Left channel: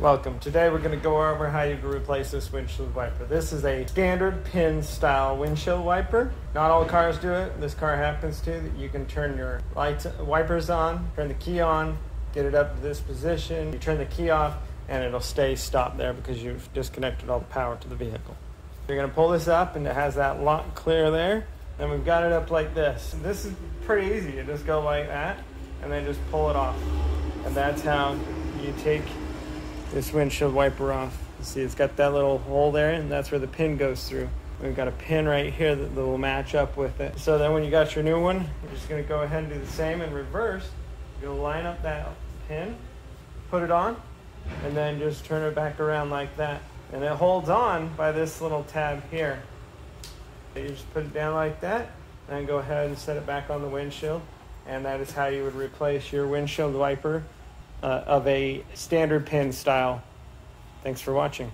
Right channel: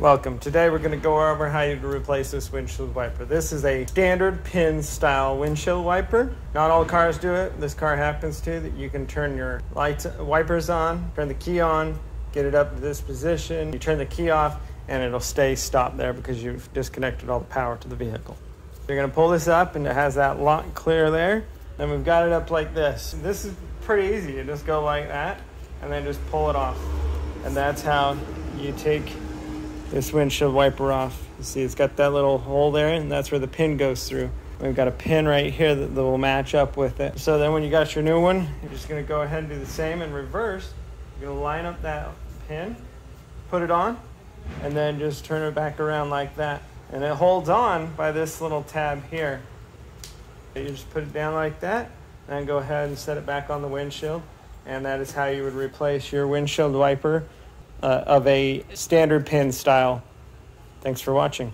Welcome. Today we're going to go over how you replace this windshield wiper. This is a standard pin style windshield wiper. Not all cars do it. This car happens to. That you can turn your lights, wipers on, turn the key on, get it up to this position. You turn the key off and it'll stay stopped there because you've disconnected all the power to the vehicle. You're going to pull this up and it has that lock clear there. And we've got it up like this. This is pretty easy. You just go like that and then just pull it off. And that's how you take this windshield wiper off. You see it's got that little hole there and that's where the pin goes through. We've got a pin right here that will match up with it. So then when you got your new one, you're just gonna go ahead and do the same in reverse. You're gonna line up that pin, put it on, and then just turn it back around like that. And it holds on by this little tab here. You just put it down like that, and then go ahead and set it back on the windshield. And that is how you would replace your windshield wiper of a standard pin style. Thanks for watching.